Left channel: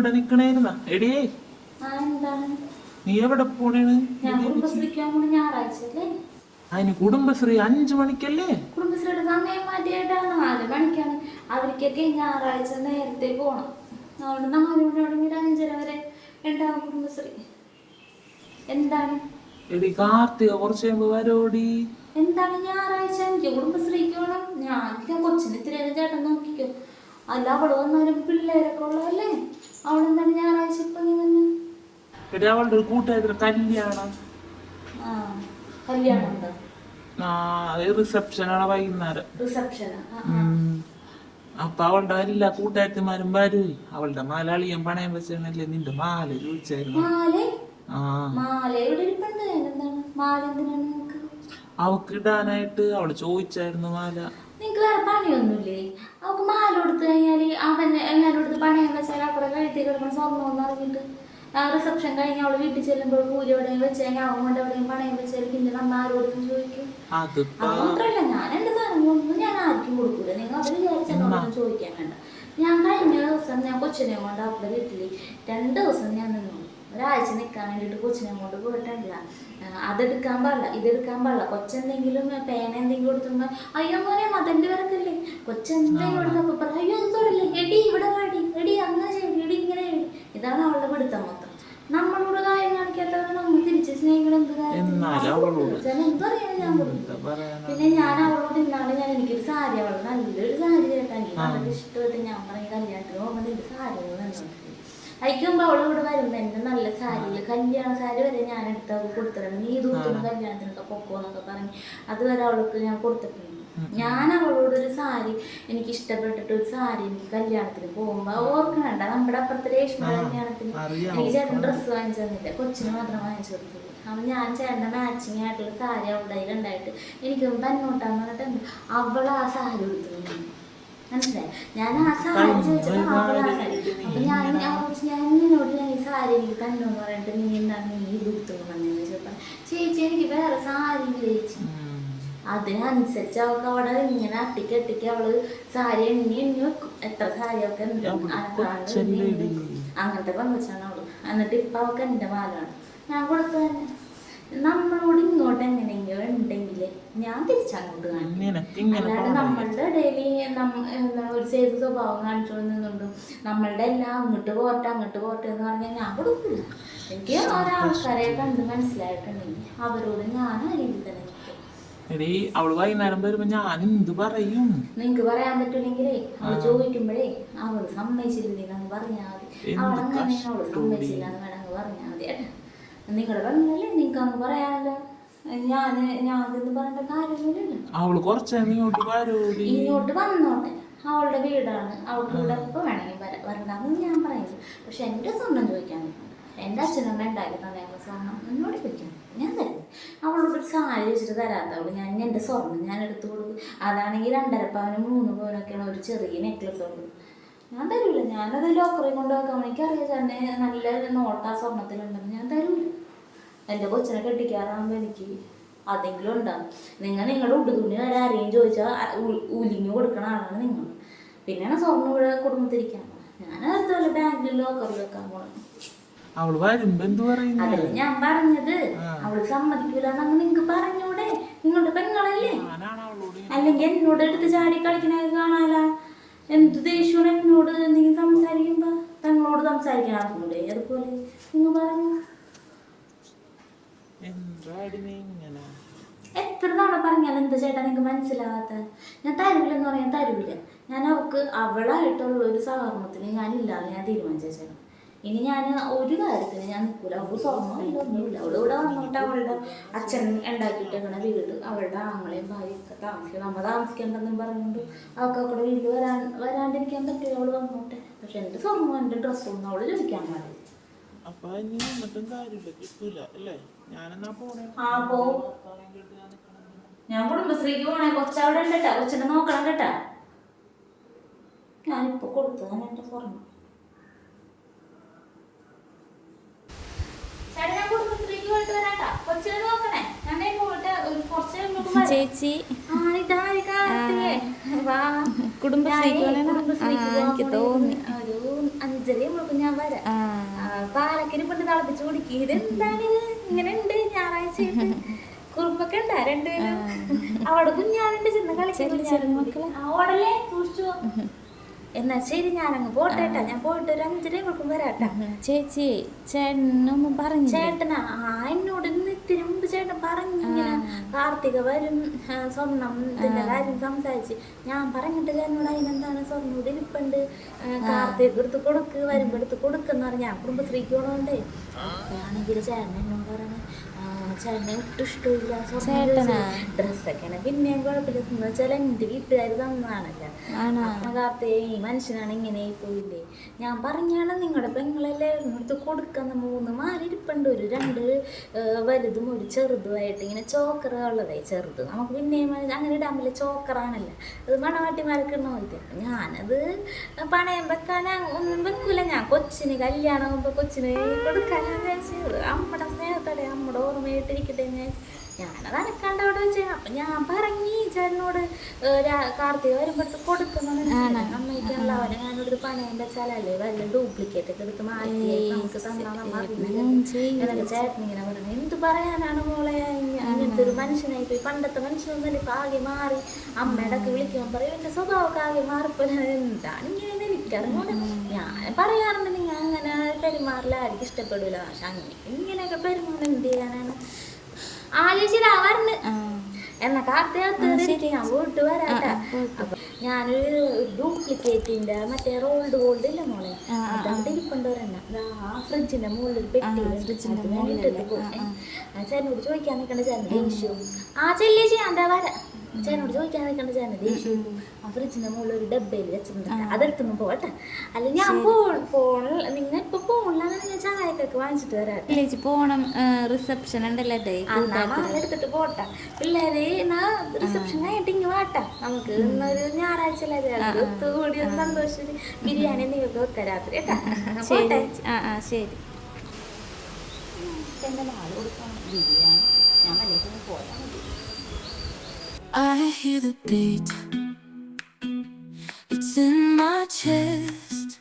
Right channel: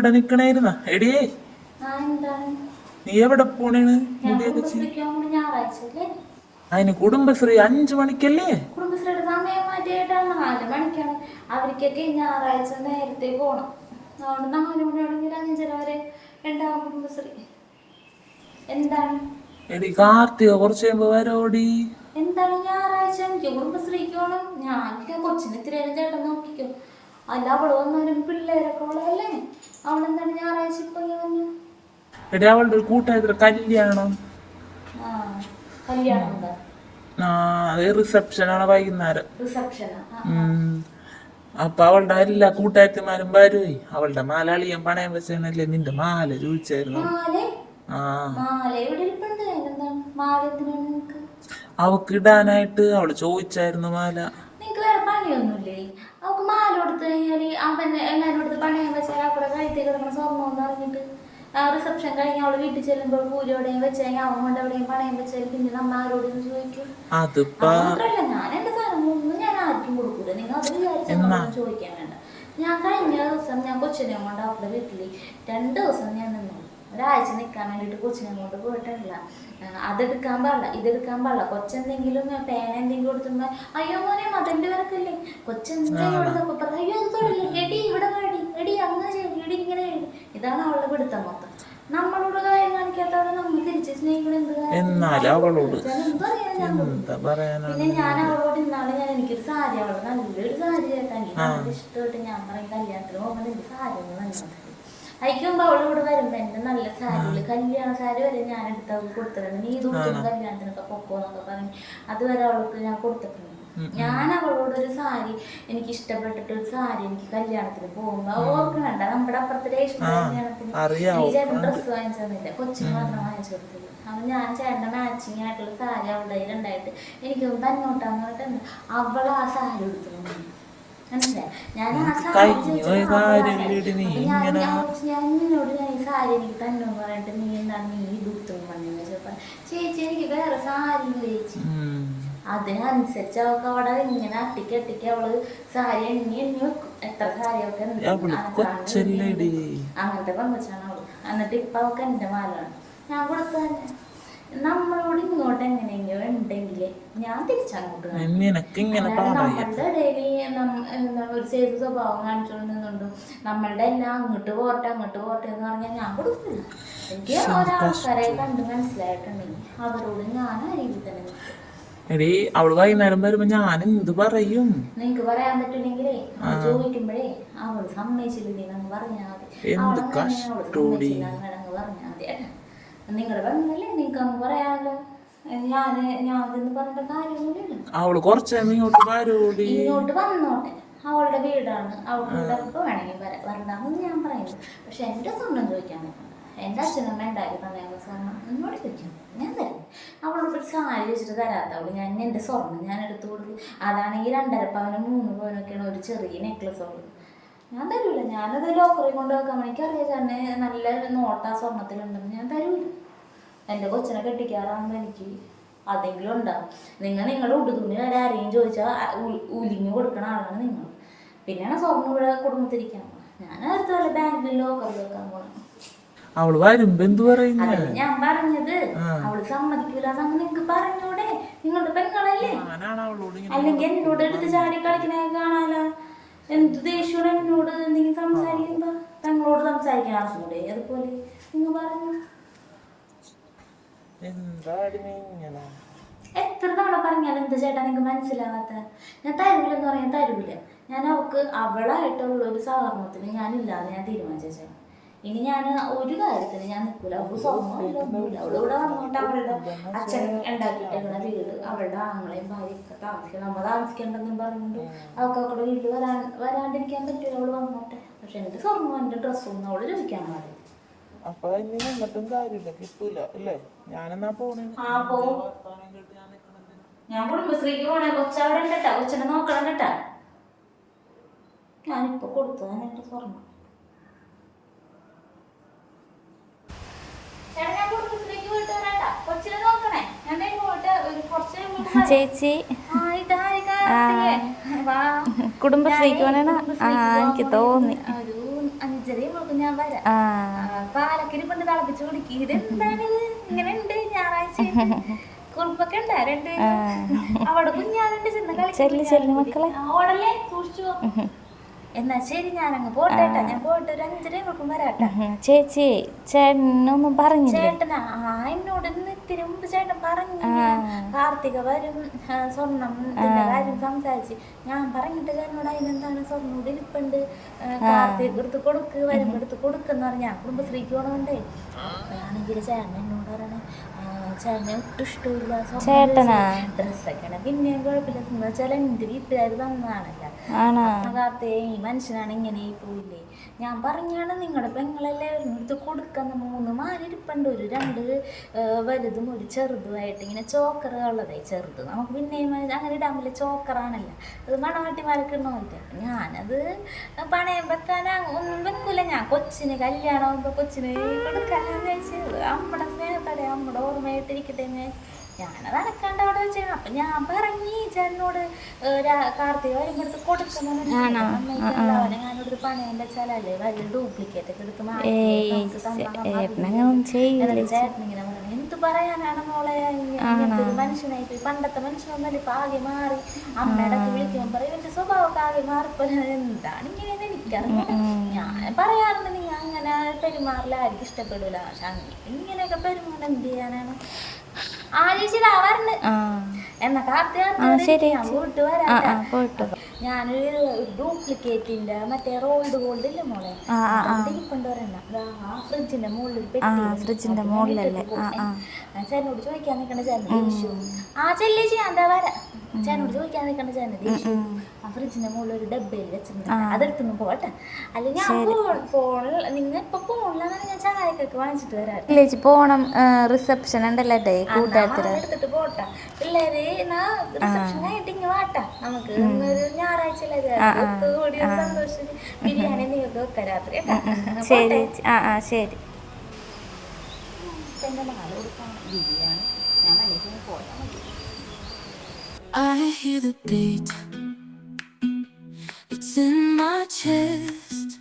ഇവിടെ നിക്കണേരുന്ന എടി നീ എവിടെ പോണേണ് അതിന് കുടുംബശ്രീ അഞ്ചു മണിക്കല്ലേ? കുടുംബശ്രീയുടെ സമയം മാറ്റിയിട്ടാണ് നാല് മണിക്കാണ്. അവർക്കൊക്കെ ഞായറാഴ്ച നേരത്തെ പോണം. അതുകൊണ്ട് നാല് മണിയാണെങ്കിൽ അഞ്ചര വരെ ഉണ്ടാവും കുടുംബശ്രീ. എന്താണ്? എടി കാർത്തിക കുറച്ച് കഴിയുമ്പോ വരോടി. എന്താണ് ഞായറാഴ്ച? എനിക്ക് കുടുംബശ്രീക്ക് പോണം. ഞാൻ കൊച്ചിനെ ഇത്തിരി ചേട്ടൻ നോക്കിക്കോ. അല്ല അവൾ വന്നാലും പിള്ളേരൊക്കെ ഉള്ളതല്ലേ? അവളെന്താണ് ഞായറാഴ്ച ഇപ്പൊ ഇങ്ങനെ വന്നു? എടി അവളുടെ ഒരു കൂട്ടുകാരുടെ കല്യാണം. ആ കല്യാണം ഉണ്ടോ? റിസപ്ഷനാണ് വൈകുന്നേരം. റിസപ്ഷനാ ആ ഉം. അപ്പൊ അവളുടെ എല്ലാ കൂട്ടുകാരത്തിമാരും വരുവേ. അവളുടെ മാലാളിയൻ പണയം വെച്ചല്ലേ നിന്റെ മാല ചോദിച്ചായിരുന്നു അവക്ക് ഇടാനായിട്ട് അവൾ ചോദിച്ചായിരുന്നു മാല. നിങ്ങക്ക് വേറെ പണിയൊന്നുമില്ലേ അവൾക്ക് മാല കൊടുത്തു കഴിഞ്ഞാൽ അവൻ എല്ലാവരും കൊടുത്ത് പണയം വെച്ചാൽ അവിടെ കഴുത്തി കിടക്കണം സ്വർണം എന്ന് അറിഞ്ഞിട്ട് റിസപ്ഷൻ കഴിഞ്ഞ് അവൾ വീട്ടിൽ ചെല്ലുമ്പോൾ പൂജ എവിടെയും വെച്ച് കഴിഞ്ഞാൽ അവൻ കൊണ്ട് എവിടെയും പണയം വെച്ചാൽ പിന്നെ നമ്മ ആരോടും ചോദിക്കും. മാത്രല്ല ഞാൻ എന്റെ സാധനങ്ങളൊന്നും ഞാൻ ആർക്കും കൊടുക്കൂല. നിങ്ങൾ അത് വിചാരിച്ചൊന്നും ചോദിക്കാൻ വേണ്ട. ഞാൻ കഴിഞ്ഞ ദിവസം ഞാൻ കൊച്ചിനെ കൊണ്ട് അവളുടെ വീട്ടിൽ രണ്ട് ദിവസം ഞാൻ നിന്നു. ഒരാഴ്ച നിൽക്കാൻ വേണ്ടിയിട്ട് കൊച്ചിനെ കൊണ്ട് പോയിട്ടില്ല. അതെടുക്കാൻ പാടില്ല ഇതെടുക്കാൻ പാടില്ല. കൊച്ചെന്തെങ്കിലും പേന എന്തെങ്കിലും കൊടുത്തുമ്പോ അയ്യോ മോനെ മതന്റെ വരക്കല്ലേ കൊച്ചെന്തെങ്കിലും കൊടുത്തപ്പോ പറ അയ്യോ അത് തൊടില്ലേ? എടി ഇവിടെ വാടി എടി അങ്ങനെ ചെയ്യടി എടി ഇങ്ങനെ ചെയ്യടി ഇതാണ് അവളുടെ പിടുത്തം മൊത്തം. നമ്മളോട് കാര്യം കാണിക്കാത്തവരെ നമ്മൾ തിരിച്ച് സ്നേഹിക്കണം എന്ത് കാര്യം? ഞാൻ പിന്നെ ഞാൻ അവളോട് ഇന്നാളെ ഞാൻ എനിക്കൊരു സാരി അവളോട് നല്ലൊരു സാരി ചേട്ടാ. എനിക്ക് നല്ല ഇഷ്ടമായിട്ട് ഞാൻ പറയും കല്യാണത്തിന് പോകുമ്പോൾ നിന്റെ സാരി ഒന്ന് തന്നോട്ടെ. അയക്കുമ്പോ അവൾ ഇവിടെ വരുമ്പോ എന്റെ നല്ല കല്യാണ സാരി വരെ ഞാൻ എടുത്ത് അവൾക്ക് കൊടുത്തിട്ടുണ്ട്. നീ ദൂരത്തിന് കല്യാണത്തിനൊക്കെ പൊക്കോന്നൊക്കെ പറഞ്ഞ് അതുവരെ അവൾക്ക് ഞാൻ കൊടുത്തിട്ടുണ്ട്. ഞാൻ അവളോട് ഒരു സാരി എനിക്ക് ഇഷ്ടപ്പെട്ടിട്ട് ഒരു സാരി എനിക്ക് കല്യാണത്തിന് പോകുമ്പോ ഓർക്കണ്ട നമ്മുടെ അപ്പുറത്തെ രേഷ്മ കല്യാണത്തിന് എനിക്ക് ചേട്ടൻ ഡ്രസ്സ് വാങ്ങിച്ചു തന്നില്ല. കൊച്ചിന് മാത്രം വാങ്ങിച്ചു കൊടുത്തുള്ളൂ അപ്പൊ ഞാൻ ചേട്ടന്റെ മാച്ചിങ് ആയിട്ടുള്ള സാരി അവളുടെ കയ്യിലുണ്ടായിട്ട് എനിക്കൊന്ന് തന്നോട്ടാന്ന് പറഞ്ഞിട്ടുണ്ട് അവൾ ആ സാരി കൊടുത്തു മനസ്സിലായി? ഞാൻ ആ സാരി ചോദിച്ചപ്പോൾ ഞാൻ ഞാൻ നിന്നോട് ഞാൻ ഈ സാരി എനിക്ക് തന്നോന്ന് പറഞ്ഞിട്ട് നീ എന്താണ് നീ ഇത് കൊടുത്തു പറഞ്ഞെന്ന് ചോദിച്ചപ്പോൾ ചേച്ചി എനിക്ക് വേറെ സാരി ഇല്ല ചേച്ചി? ഉം. അതിനനുസരിച്ച് അവൾക്ക് അവിടെ ഇങ്ങനെ അട്ടിക്ക് അട്ടിക്ക് അവൾ സാരി എണ്ണി എണ്ണി വെക്കും. എത്ര സാരി അവൾക്ക്. അങ്ങനത്തെ പങ്കുവച്ചാണ് അവൾ. എന്നിട്ട് ഇപ്പൊ അവൾക്ക് എന്റെ മാലാണ് ഞാൻ കൊടുത്തു തന്നെ നമ്മളോട് ഇങ്ങോട്ട് എങ്ങനെയെങ്കിലും ഉണ്ടെങ്കിൽ ഞാൻ തിരിച്ചങ്ങോട്ട് കാണിക്കും. അല്ലാണ്ട് നമ്മളുടെ ഇടയിൽ എന്താണ് ഒരു ചെയ്ത സ്വഭാവം കാണിച്ചുകൊണ്ട് നിന്നുണ്ട് നമ്മളുടെ എല്ലാം അങ്ങോട്ട് പോട്ടെ അങ്ങോട്ട് പോട്ടെ എന്ന് പറഞ്ഞാൽ ഞാൻ കൊടുക്കില്ല എനിക്ക് ഒരാൾക്കാരെ കണ്ട് മനസ്സിലായിട്ടുണ്ടെങ്കിൽ അവരോട് ഞാൻ ആ രീതിയിൽ തന്നെ എടീ അവൾ വൈകുന്നേരം വരുമ്പോ ഞാൻ എന്ത് പറയും? നിങ്ങക്ക് പറയാൻ പറ്റില്ലെങ്കിലേ അവൾ ചോദിക്കുമ്പോഴേ അവൾ സമ്മതിച്ചില്ലെങ്കിൽ അങ്ങ് പറഞ്ഞാൽ മതി. അവളങ്ങനെ അവൾ സമ്മതിച്ചില്ല എന്ന് വേണമെങ്കിൽ പറഞ്ഞാൽ മതി. നിങ്ങളുടെ പെങ്ങളല്ലേ നിങ്ങൾക്ക് അങ്ങ് പറയാമല്ലോ ഞാൻ ഞാൻ ഇതെന്ന് പറഞ്ഞിട്ട് അവൾ കുറച്ചാണ് ഇങ്ങോട്ട് വന്നോട്ടെ. അവളുടെ വീടാണ്. അവൾക്ക് ഇവിടെ എപ്പോൾ വേണമെങ്കിൽ വരണ്ടാന്ന് ഞാൻ പറയുന്നു. പക്ഷെ എന്റെ സ്വർണം ചോദിക്കാൻ നിൽക്കണ്ട എന്റെ അച്ഛനമ്മ ഉണ്ടാക്കി തന്നേക്കുന്ന സ്വർണം എന്നോട് ചോദിക്കാം. ഞാൻ തരും. അവളോട് ഒരു സാരി വെച്ചിട്ട് തരാത്തവൾ ഞാൻ എന്റെ സ്വർണം ഞാൻ എടുത്തു കൊടുക്കും. അതാണെങ്കിൽ രണ്ടര പവനും മൂന്ന് പവനൊക്കെയാണ് ഒരു ചെറിയ നെക്ലസ് ഉള്ളത്. ഞാൻ തരൂല. ഞാനത് ലോക്കറിൽ കൊണ്ട് വെക്കാൻ എനിക്കറിയാം തന്നെ നല്ല നോട്ടാ സ്വർണത്തിലുണ്ടെന്ന് ഞാൻ തരൂല. എന്റെ കൊച്ചിനെ കെട്ടിക്കാറാകുമ്പോൾ എനിക്ക് അതെങ്കിലും ഉണ്ടാവും നിങ്ങൾ നിങ്ങളുടെ ഉടുതുണി വരെ ആരെയും ചോദിച്ചാൽ ഉലിഞ്ഞു കൊടുക്കണ ആളാണ് നിങ്ങൾ. പിന്നെയാണ് സ്വർണം ഇവിടെ കുടുംബത്തിരിക്കാൻ ഞാൻ അടുത്ത വല്ല ബാങ്കിൽ ലോക്കറിൽ വെക്കാൻ പോകണം അവൾ വരുമ്പോ എന്ത് പറയും അതല്ലേ ഞാൻ പറഞ്ഞത്. അവൾ സമ്മതിക്കൂല എന്നങ്ങ് നിങ്ങക്ക് പറഞ്ഞൂടെ. നിങ്ങളുടെ പെങ്ങളല്ലേ? അല്ലെങ്കിൽ എന്നോട് എടുത്ത് ചാടി കളിക്കണേ കാണാല. എന്ത് ദേഷ്യമാണ് എന്നോട്? എന്തെങ്കിലും സംസാരിക്കുമ്പോ തങ്ങളോട് സംസാരിക്കാൻ ആവശ്യമുണ്ട് അതുപോലെ നിങ്ങൾ പറഞ്ഞു എത്ര തവണ പറഞ്ഞാലും എന്താ ചേട്ടാ നിങ്ങൾക്ക് മനസ്സിലാവാത്ത? ഞാൻ തരൂലെന്ന് പറയാൻ തരൂല ഞാൻ അവൾക്ക് അവളായിട്ടുള്ള ഒരു സഹകരണത്തിന് ഞാനില്ലാതെ ഞാൻ തീരുമാനിച്ച ചേട്ടാ. ഇനി ഞാൻ ഒരു കാര്യത്തിന് ഞാൻ നിൽക്കൂല അവൾക്ക് സ്വർണമില്ല ഒന്നുമില്ല. അവിടെ ഇവിടെ വന്നിട്ട് അവളുടെ അച്ഛൻ ഉണ്ടാക്കിയിട്ടേക്കണ വീട് അവളുടെ ആങ്ങളെയും ഭാര്യയൊക്കെ താമസിക്കും. നമ്മൾ താമസിക്കേണ്ടെന്നും പറഞ്ഞുകൊണ്ട് അവൾക്ക് അവളുടെ വീട്ടിൽ വരാൻ വരാണ്ടിരിക്കാൻ പറ്റില്ല അവൾ വന്നോട്ടെ. പക്ഷെ എന്റെ സ്വർണം എന്റെ ഡ്രസ്സും ഒന്നും അവൾ ചോദിക്കാൻ പാടില്ല. അപ്പൊ ഇനി കാര്യമില്ല. കിട്ടൂല അല്ലേ? ഞാനെന്നാ പോണേ? ആ പോ. ഞാൻ കുടുംബശ്രീക്ക് പോണേ. കൊച്ചവിടെ ഉണ്ട് കേട്ടാ കൊച്ചിനെ നോക്കണം കേട്ടാ. ഞാനിപ്പോ കൊടുത്തതാണ് എന്റെ സ്വർണം ചേട്ടാ, ഞാൻ കുടുംബശ്രീക്ക് പോയിട്ട് വരാട്ടാ. കൊച്ചിനെ നോക്കണേ. ഞാൻ ദേ പോയിട്ട് ഒരു കുറച്ച് കഴിയുമ്പോ വരാം. ചേച്ചി. കുടുംബശ്രീക്ക് എനിക്ക് തോന്നി. ഒരു അഞ്ചരയാകുമ്പോഴേക്കും ഞാൻ വരാം. പാലക്കിന് കൊണ്ട് തിളപ്പിച്ചു കുടിക്കും. ഇതെന്താണ്? ഇങ്ങനെ ഉണ്ട് ഞായറാഴ്ച കുറുമ്പൊക്കെ ഉണ്ടാ രണ്ടുപേരും. അവിടെ കുഞ്ഞാളുണ്ട് ചെന്ന് മക്കളെ. ഓടല്ലേ? സൂക്ഷിച്ചു. എന്നാ ശരി ഞാനങ്ങ് പോട്ടേട്ടാ ഞാൻ പോയിട്ട് ഒരു അഞ്ചര മണിക്കും വരാട്ടെ. ചേച്ചി ചേട്ടനൊന്നും പറഞ്ഞു ചേട്ടനാ? ആ എന്നോട് ഇന്ന് ഇത്തിരി മുമ്പ് ചേട്ടൻ പറഞ്ഞു കാർത്തിക വരും. സ്വർണം ഇതിന്റെ കാര്യം സംസാരിച്ച്. ഞാൻ പറഞ്ഞിട്ട് എന്നോട് അതിനെന്താണ് സ്വർണം ഇവിടെ ഇരിപ്പുണ്ട്. കാർത്തിക എടുത്ത് കൊടുക്ക് വരുമ്പോ എടുത്ത് കൊടുക്കെന്ന് പറഞ്ഞ ഞാൻ കുടുംബശ്രീക്ക് പോണോണ്ടേ ആണെങ്കിൽ ചേട്ടൻ എന്നോട് പറയണേ. ചേട്ടനെ ഒട്ടും ഇഷ്ടമില്ല ചേട്ടനാ? ഡ്രസ്സൊക്കെയാണ് പിന്നെയും കുഴപ്പമില്ല. എന്ന് വെച്ചാൽ എന്റെ വീട്ടുകാർ തന്നതാണല്ലോ. ആണോ? കാർത്തേ ഈ മനുഷ്യനാണ് ഇങ്ങനെ പോയില്ലേ. ഞാൻ പറഞ്ഞാണ് നിങ്ങളുടെ പെങ്ങളല്ലേ എടുത്ത് കൊടുക്കുന്ന മൂന്ന് മാരിരിപ്പുണ്ട് ഒരു രണ്ട് വലുതും ഒരു ചെറുതുമായിട്ട് ഇങ്ങനെ ചോക്കറുള്ളതേ ചെറുത്. നമുക്ക് പിന്നെ അങ്ങനെ ഇടാൻ പറ്റില്ല. ചോക്കറാണല്ലോ. അത് മണവാട്ടിമാരൊക്കെ ഇടണ പോലത്തെ ഞാനത് പണയം വെക്കാൻ ഒന്നും വെക്കൂല. ഞാൻ കൊച്ചിന് കല്യാണം ആകുമ്പോൾ കൊച്ചിന് കൊടുക്കാനാന്ന് വെച്ചത് അമ്മയുടെ സ്നേഹത്തോടെ ഓർമ്മയായിട്ട് വിചാരിച്ച് ഞാനത് അനക്കാണ്ട് അവിടെ വെച്ചാണ് അപ്പൊ ഞാൻ പറഞ്ഞി ചേട്ടനോട് കാർത്തിക വരുമ്പോഴത്ത് കൊടുക്കുന്ന അമ്മയ്ക്ക് എല്ലാവരും ഞാനോട് പണയം വെച്ചാലല്ലേ വല്ല ഡ്യൂപ്ലിക്കേറ്റ് ഒക്കെ എടുത്ത് മാറ്റി നമുക്ക് തന്നാ പറഞ്ഞു. എന്ത് പറയാനാണ് മോളെ? ഇങ്ങ- ഇങ്ങനത്തെ ഒരു മനുഷ്യനായി പോയി പണ്ടത്തെ മനുഷ്യനൊന്നല്ല ഇപ്പൊ ആകെ മാറി. അമ്മയുടെ ഒക്കെ വിളിക്കുമ്പോൾ പറയും എന്റെ സ്വഭാവമൊക്കെ ആകെ മാറിപ്പോ എന്താണ് ഇങ്ങനെ എനിക്കറിഞ്ഞു ഞാൻ പറയാറുണ്ട് നിങ്ങൾ പെരുമാറില്ല ആർക്കും ഇഷ്ടപ്പെടില്ല പക്ഷെ അങ്ങനെ ഇങ്ങനെയൊക്കെ പെരുമാറാൻ എന്ത് ചെയ്യാനാണ്? ആലോചിച്ചിട്ടാവാറുണ്ട് എന്നൊക്കെ എന്നാ ഞാൻ പോയിട്ട് ആ വരാം ആ പോയിട്ട് ഞാനൊരു ഡ്യൂപ്ലിക്കേറ്റിന്റെ മറ്റേ റോൾഡ് ഗോൾഡ് ഇല്ല മോളെ. ഇരിപ്പുണ്ട് ഒരെണ്ണം ആ ഫ്രിഡ്ജിന്റെ മുകളിൽ. ഫ്രിഡ്ജിന്റെ ചേട്ടനോട് ചോദിക്കാൻ നിൽക്കണ്ട ചേട്ടൻ ദേഷ്യവും ആ ചെല്ലി ചെയ്യാൻ എന്താ വരാ. ചേട്ടനോട് ചോദിക്കാൻ നിൽക്കണ്ട ചേന ദേഷ്യവും ആ ഫ്രിഡ്ജിന്റെ മുകളിൽ ഒരു ഡബ്ബയിൽ വെച്ചിട്ടുണ്ട് അതെടുത്തു പോട്ടെ. അല്ല ഞാൻ ഫോൺ ഫോൺ നിങ്ങൾ ഇപ്പൊ ചായക്കൊക്കെ വാങ്ങിച്ചിട്ട് വരാം. വില്ലേജ് പോണം റിസപ്ഷൻ ഉണ്ടല്ലേ എടുത്തിട്ട് പോട്ടെ. പിള്ളേര് റിസപ്ഷൻ ഇങ്ങനെ ഇങ്ങ് വാട്ടാ. നമുക്ക് ഇന്നൊരു ഞായറാഴ്ച കൂടി ഒരു സന്തോഷം. ബിരിയാണി നിങ്ങൾക്ക് വെക്കാം രാത്രി ശരി. ആ ആ ശരി. എന്റെ നാളെ കൊടുക്കണം. ബിരിയാണി. ഞാൻ മല്ലേക്കും പോയാൽ മതി. I hear the beat. It's in my chest.